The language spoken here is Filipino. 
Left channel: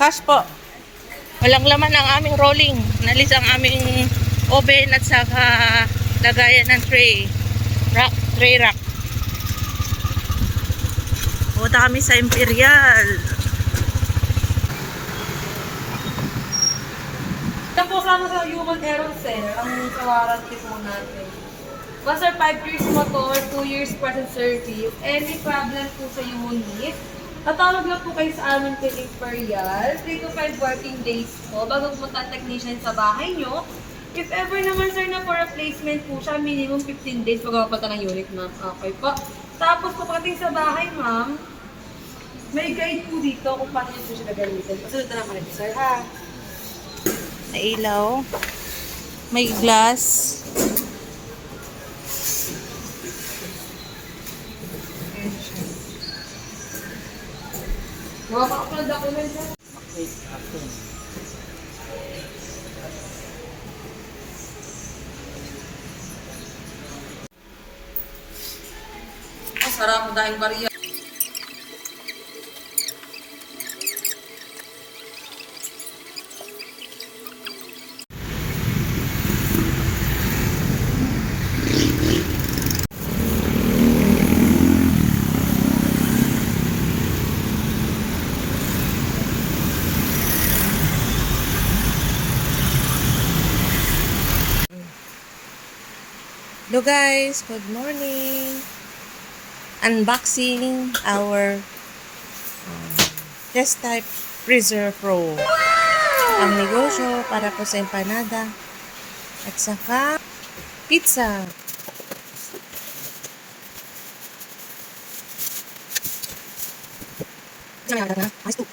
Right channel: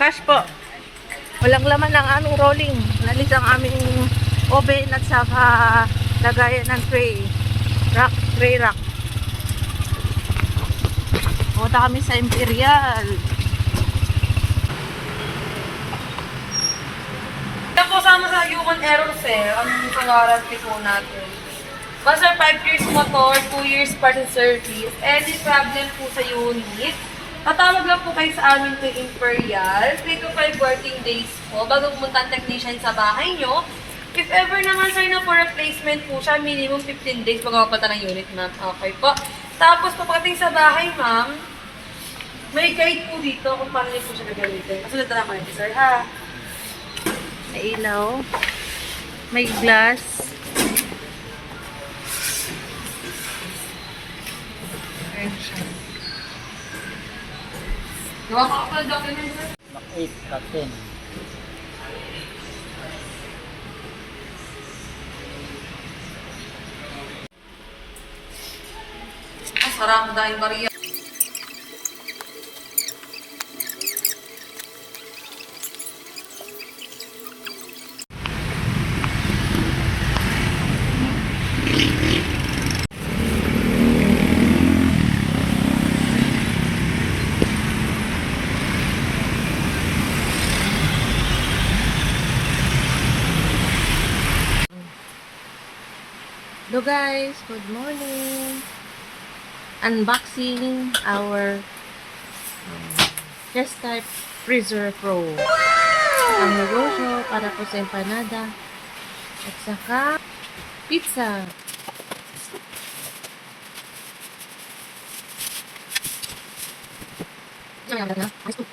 Cash po. Walang laman ang aming rolling. Nalis ang aming oven at saka lagayan ng tray. Tray rack. Punta kami sa Imperial. Ito po sama sa human error, sir. Ang warranty po natin. Basta 5 years motor, 2 years part and service. Any problem po sa unit, tatawag lang po kayo sa amin kay Imperial. 3 to 5 working days po bago pumunta ang technician sa bahay nyo. If ever naman, sir, na for replacement po siya, minimum 15 days bago mapata ng unit, ma'am. Okay po. Tapos, pagdating sa bahay, ma'am, may guide po dito kung paano niyo po siya gagamitin. Kasunod na naman ito, sir, ha? May ilaw. May glass. Gawa pa ako ng document, sir. 8 at 10. Ang sarap dahil Maria. Hello guys, good morning. Unboxing our test type freezer pro. Ang negosyo para po sa empanada at saka pizza. Ayos po.